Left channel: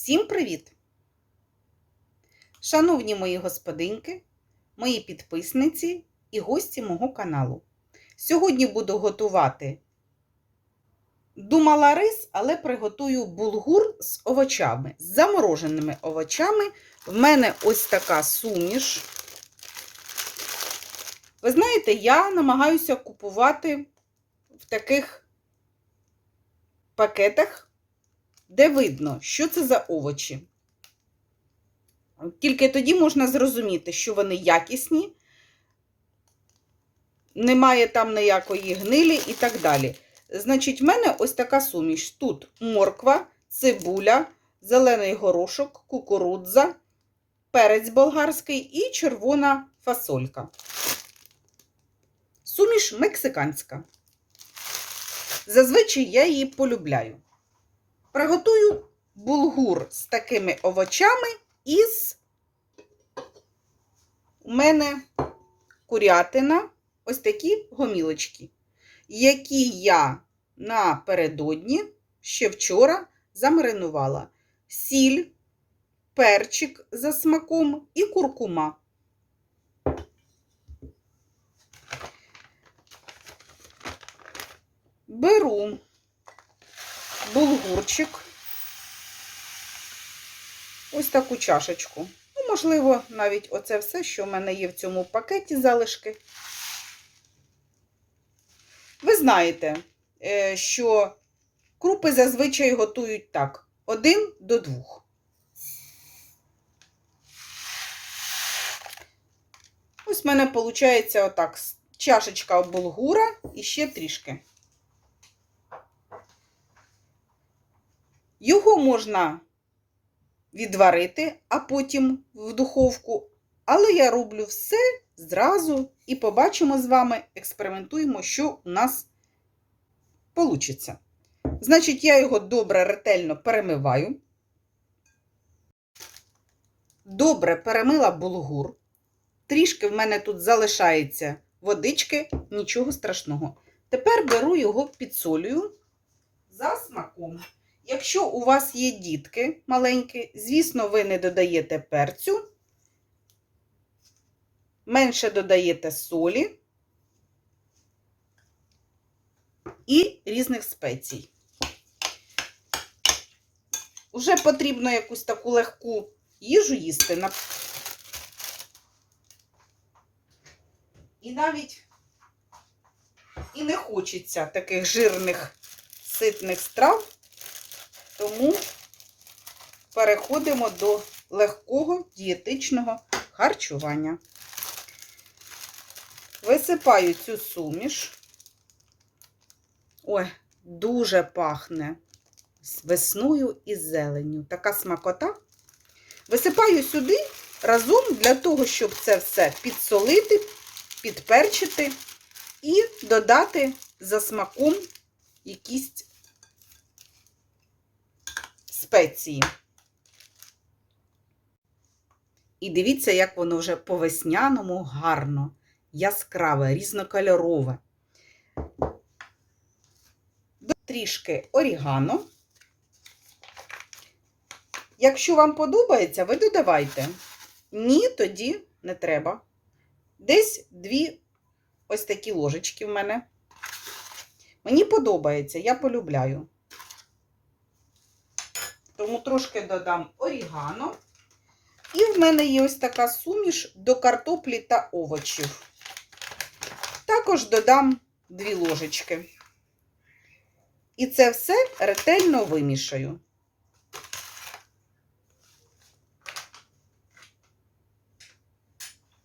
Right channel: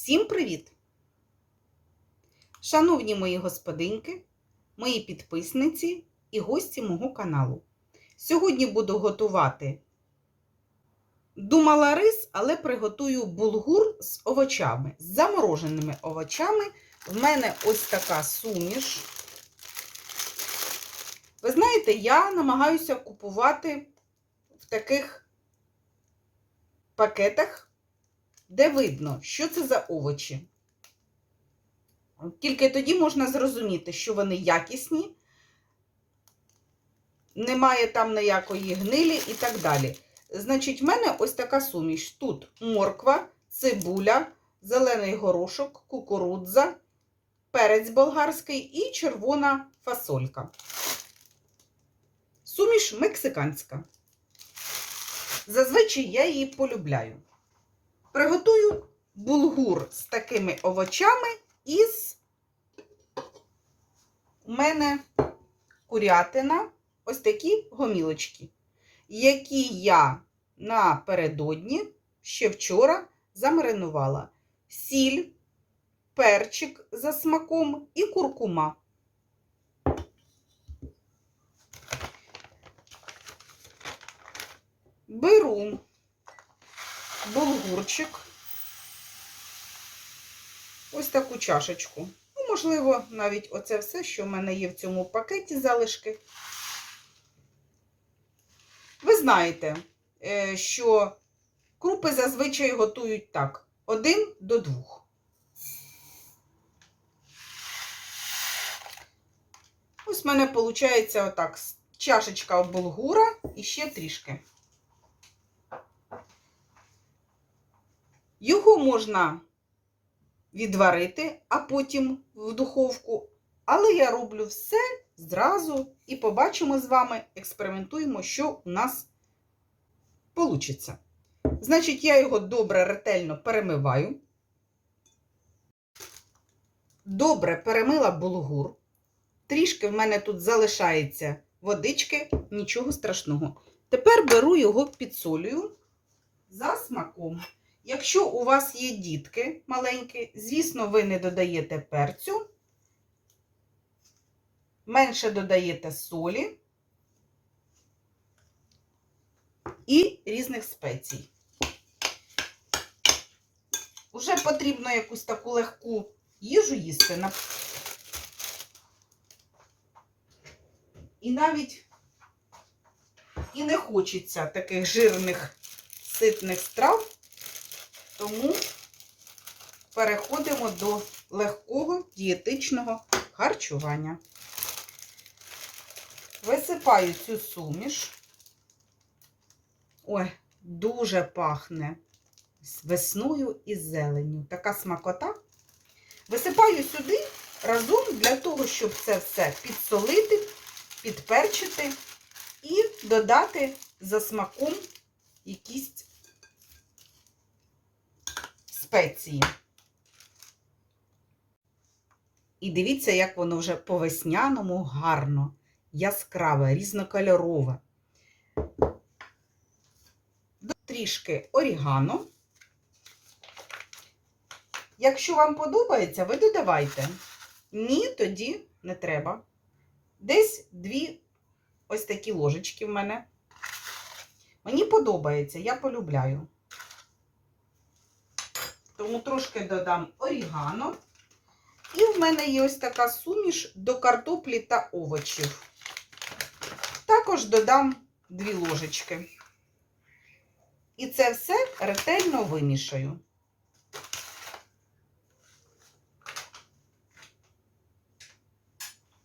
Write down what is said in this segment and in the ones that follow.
Всім привіт! Шановні мої господинки, мої підписниці і гості мого каналу. Сьогодні буду готувати думала рис, але приготую булгур з овочами, з замороженими овочами. В мене ось така суміш. Ви знаєте, я намагаюся купувати в таких пакетах, де видно, що це за овочі. Тільки тоді можна зрозуміти, що вони якісні, немає там ніякої гнилі і так далі. Значить, в мене ось така суміш. Тут морква, цибуля, зелений горошок, кукурудза, перець болгарський і червона фасолька. Суміш мексиканська. Зазвичай я її полюбляю. Приготую булгур з такими овочами із у мене курятина, ось такі гомілочки, які я напередодні ще вчора замаринувала. Сіль, перчик за смаком і куркума. Беру булгурчик, ось таку чашечку. Ну, можливо, навіть оце все, що в мене є в цьому пакеті залишки. Ви знаєте, е, що крупи зазвичай готують так: один до двох. Ось в мене виходить отак чашечка булгура і ще трішки. Його можна відварити, а потім в духовку. Але я роблю все зразу і побачимо з вами, експериментуємо, що у нас вийде. Значить, я його добре ретельно перемиваю. Добре перемила булгур. Трішки в мене тут залишається водички, нічого страшного. Тепер беру його підсолюю за смаком. Якщо у вас є дітки маленькі, звісно, ви не додаєте перцю, менше додаєте солі і різних спецій. Уже потрібно якусь таку легку їжу їсти. І навіть і не хочеться таких жирних ситних страв. Тому переходимо до легкого дієтичного харчування. Висипаю цю суміш. Ой, дуже пахне весною і зеленню. Така смакота. Висипаю сюди разом для того, щоб це все підсолити, підперчити і додати за смаком якісь спеції. І дивіться, як воно вже по весняному гарно, яскраве, різнокольорове. Трішки орігано. Якщо вам подобається, ви додавайте. Ні, тоді не треба. Десь дві ось такі ложечки в мене. Мені подобається, я полюбляю. Тому трошки додам орігано. І в мене є ось така суміш до картоплі та овочів. Також додам дві ложечки. І це все ретельно вимішаю.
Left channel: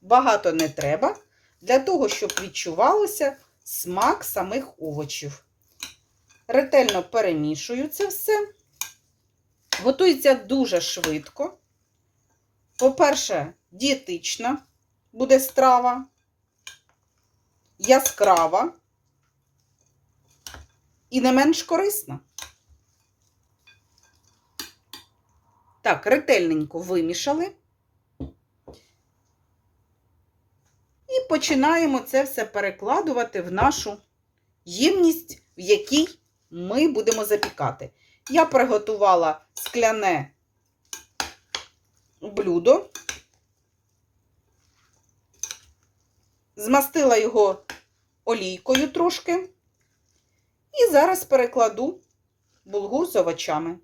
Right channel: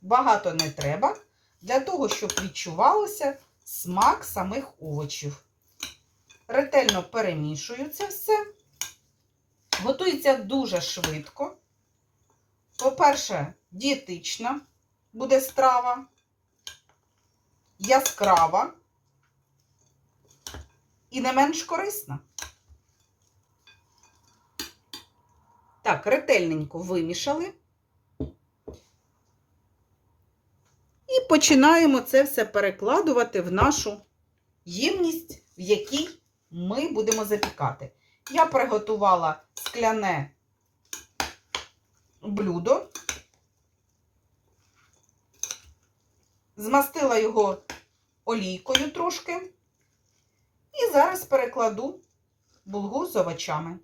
Багато не треба, для того, щоб відчувалося смак самих овочів. Ретельно перемішую це все. Готується дуже швидко. По-перше, дієтична буде страва, яскрава і не менш корисна. Так, ретельненько вимішали. І починаємо це все перекладувати в нашу ємність, в якій ми будемо запікати. Я приготувала скляне блюдо. Змастила його олійкою трошки. І зараз перекладу булгур з овочами.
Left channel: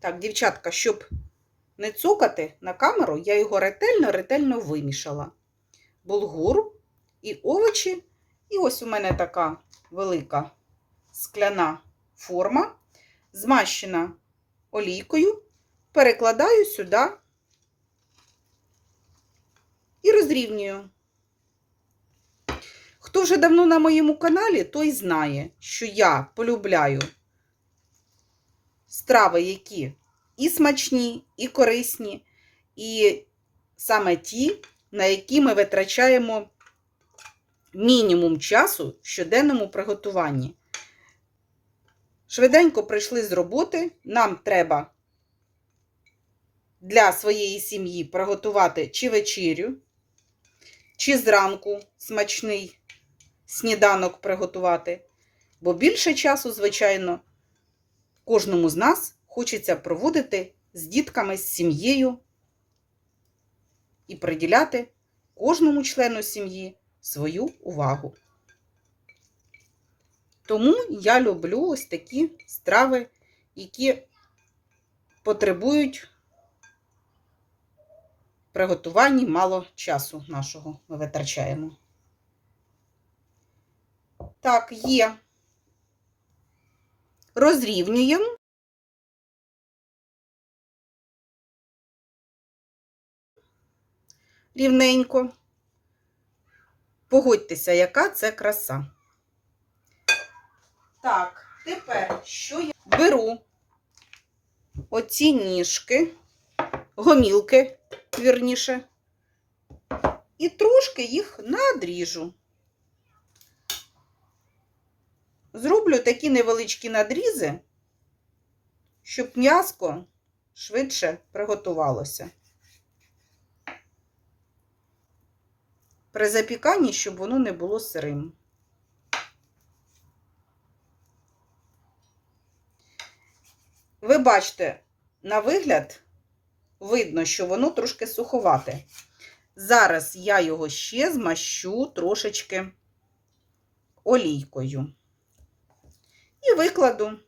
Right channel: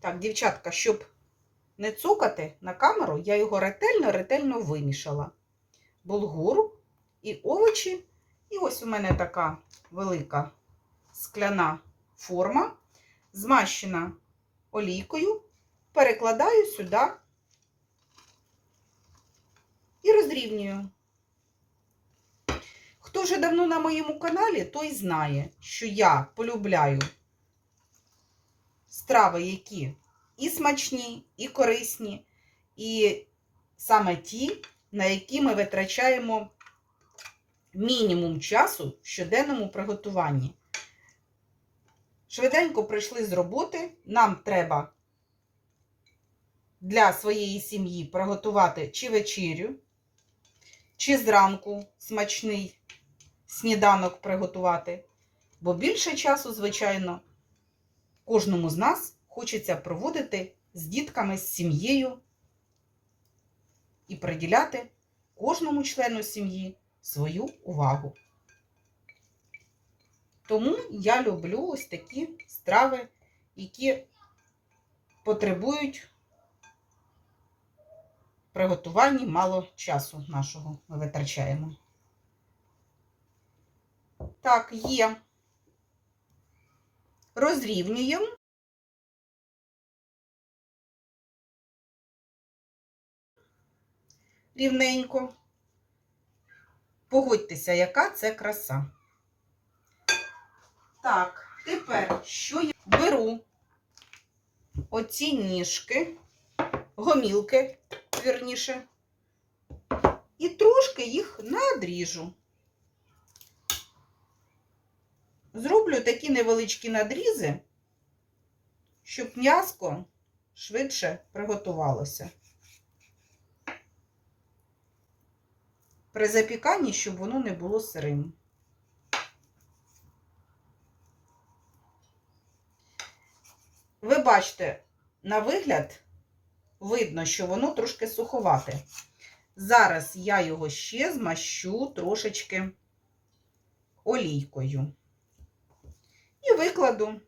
Так, дівчатка, щоб не цукати на камеру, я його ретельно-ретельно вимішала. Булгур і овочі. І ось у мене така велика скляна форма, змащена олійкою, перекладаю сюди і розрівнюю. Хто вже давно на моєму каналі, той знає, що я полюбляю страви, які і смачні, і корисні, і саме ті, на які ми витрачаємо мінімум часу в щоденному приготуванні. Швиденько прийшли з роботи, нам треба для своєї сім'ї приготувати чи вечерю, чи зранку смачний сніданок приготувати. Бо більше часу, звичайно, кожному з нас хочеться проводити з дітками, з сім'єю і приділяти кожному члену сім'ї свою увагу. Тому я люблю ось такі страви, які потребують приготуванні мало часу нашого ми витрачаємо. Так, є. Розрівнюємо. Рівненько. Погодьтеся, яка це краса. Так, тепер що я беру оці ніжки, гомілки, вірніше, і трошки їх надріжу. Зроблю такі невеличкі надрізи, щоб м'яско швидше приготувалося. При запіканні, щоб воно не було сирим. Ви бачите, на вигляд видно, що воно трошки суховате. Зараз я його ще змащу трошечки олійкою і викладу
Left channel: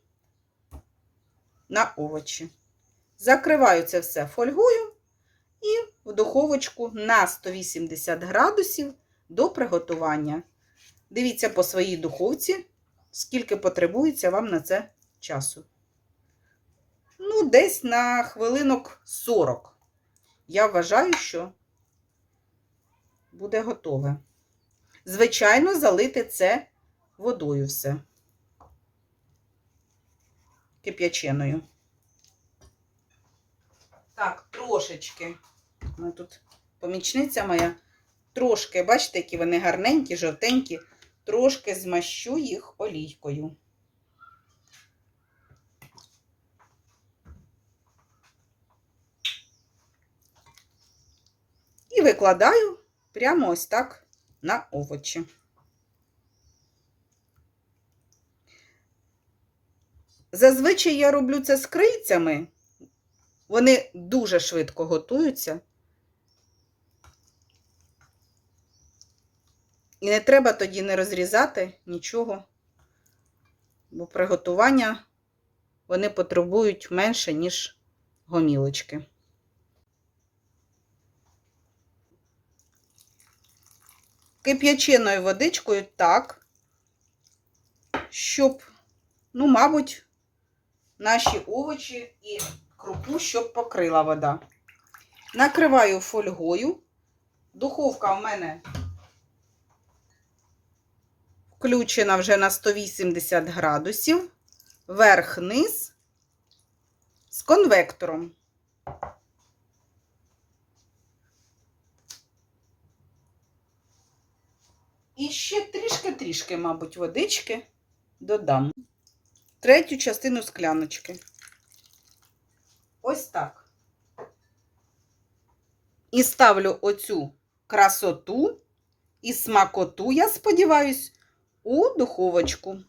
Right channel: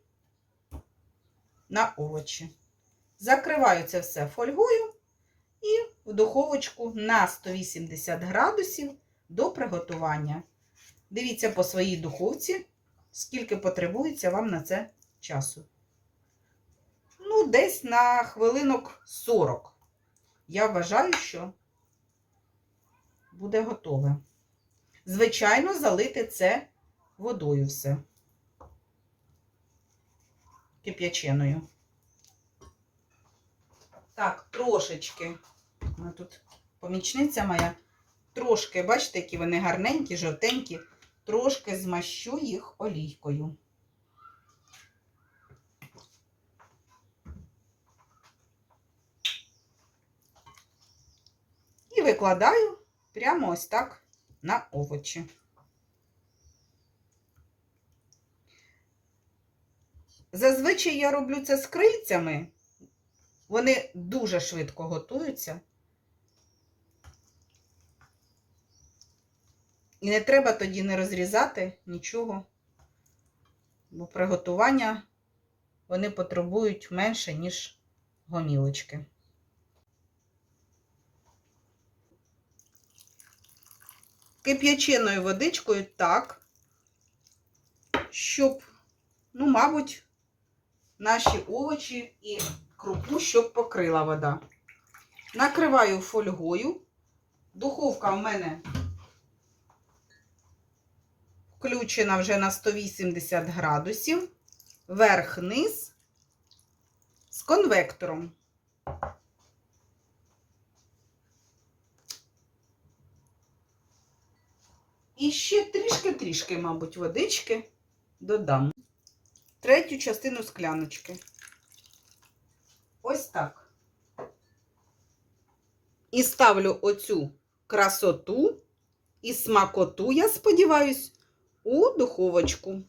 на овочі. Закриваю це все фольгою і в духовочку на 180 градусів до приготування. Дивіться по своїй духовці, скільки потребується вам на це часу. Ну, десь на хвилинок 40. Я вважаю, що буде готове. Звичайно, залити це водою все. Кип'яченою. Так, трошечки. Ну, тут помічниця моя. Трошки, бачите, які вони гарненькі, жовтенькі, трошки змащу їх олійкою. І викладаю прямо ось так на овочі. Зазвичай я роблю це з крильцями. Вони дуже швидко готуються. І не треба тоді не розрізати нічого, бо приготування вони потребують менше, ніж гомілочки. Кип'яченою водичкою так, щоб, ну, мабуть, наші овочі і крупу, щоб покрила вода. Накриваю фольгою. Духовка в мене включена вже на 180 градусів, верх-низ з конвектором. І ще трішки-трішки, мабуть, водички додам. Третю частину скляночки. Ось так. І ставлю оцю красоту і смакоту, я сподіваюсь, у духовочку.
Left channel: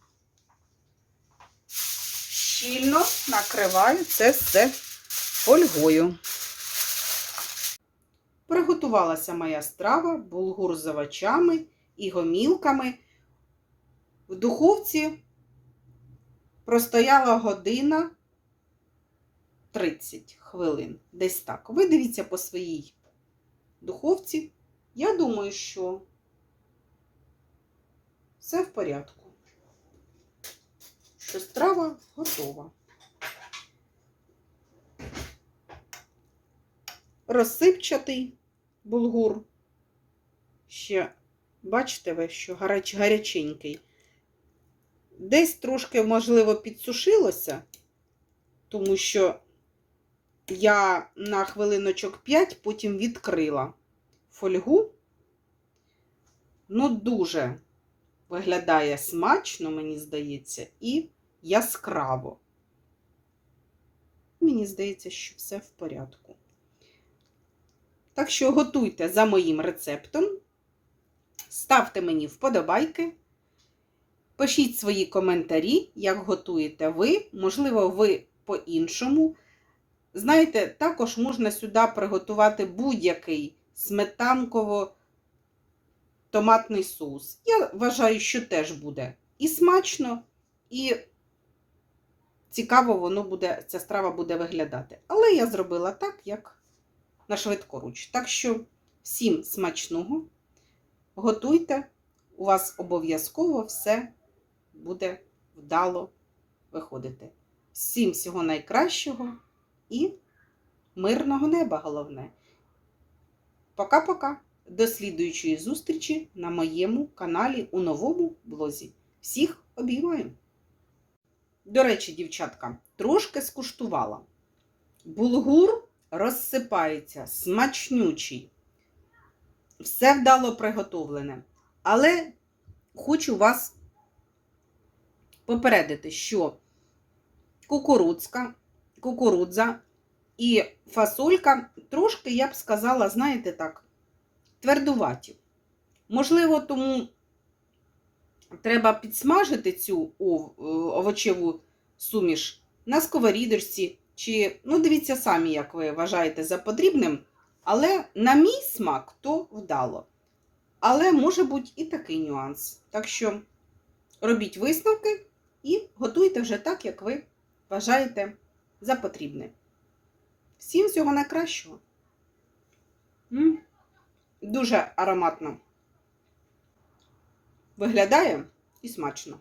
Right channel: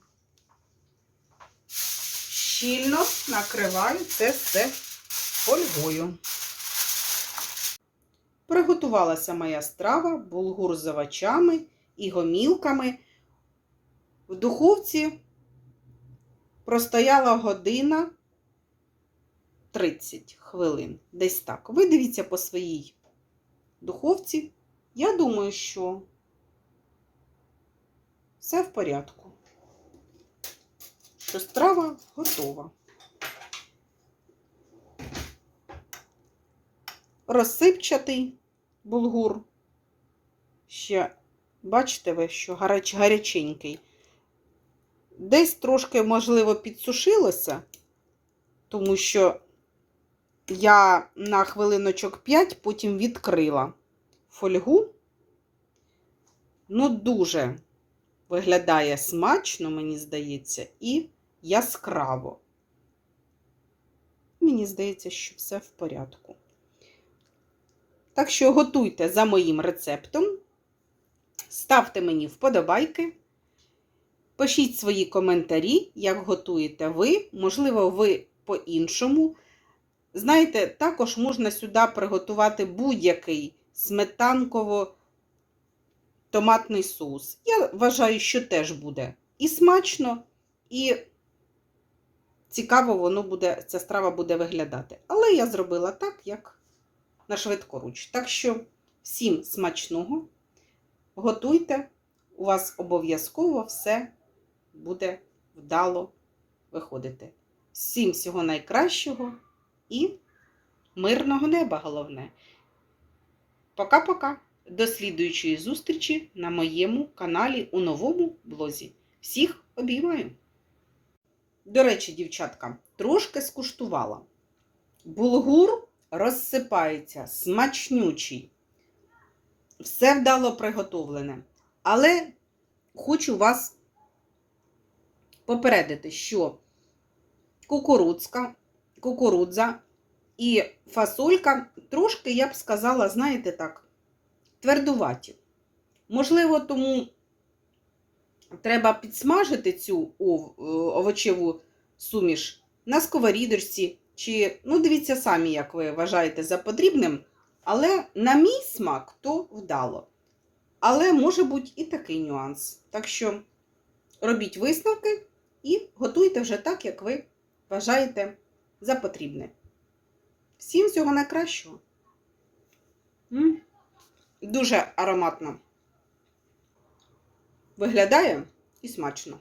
щільно накриваю це все фольгою. Приготувалася моя страва, булгур з овочами і гомілками. В духовці простояла година 30 хвилин. Десь так. Ви дивіться по своїй духовці. Я думаю, що все в порядку. Що страва готова. Розсипчатий булгур. Ще, бачите ви, що гаряч, гаряченький. Десь трошки, можливо, підсушилося, тому що я на хвилиночок 5 потім відкрила фольгу. Ну, дуже виглядає смачно, мені здається, і яскраво. Мені здається, що все в порядку. Так що готуйте за моїм рецептом, ставте мені вподобайки, пишіть свої коментарі, як готуєте ви, можливо, ви по-іншому. Знаєте, також можна сюди приготувати будь-який сметанково-томатний соус. Я вважаю, що теж буде і смачно, і цікаво воно буде, ця страва буде виглядати. Але я зробила так, як на швидкоруч. Так що всім смачного, готуйте, у вас обов'язково все буде вдало виходити. Всім всього найкращого і мирного неба головне. Пока-пока. До слідуючої зустрічі на моєму каналі у новому блозі. Всіх обіймаю! До речі, дівчатка, трошки скуштувала. Булгур розсипається, смачнючий. Все вдало приготовлене. Але хочу вас попередити, що кукурудзка, кукурудза і фасолька трошки, я б сказала, знаєте так, твердуваті. Можливо, тому треба підсмажити цю овочеву суміш на сковорідочці. Чи, ну, дивіться самі, як ви вважаєте за потрібним. Але на мій смак то вдало. Але може бути і такий нюанс. Так що робіть висновки і готуйте вже так, як ви вважаєте за потрібне. Всім всього найкращого. Дуже ароматно виглядає і смачно.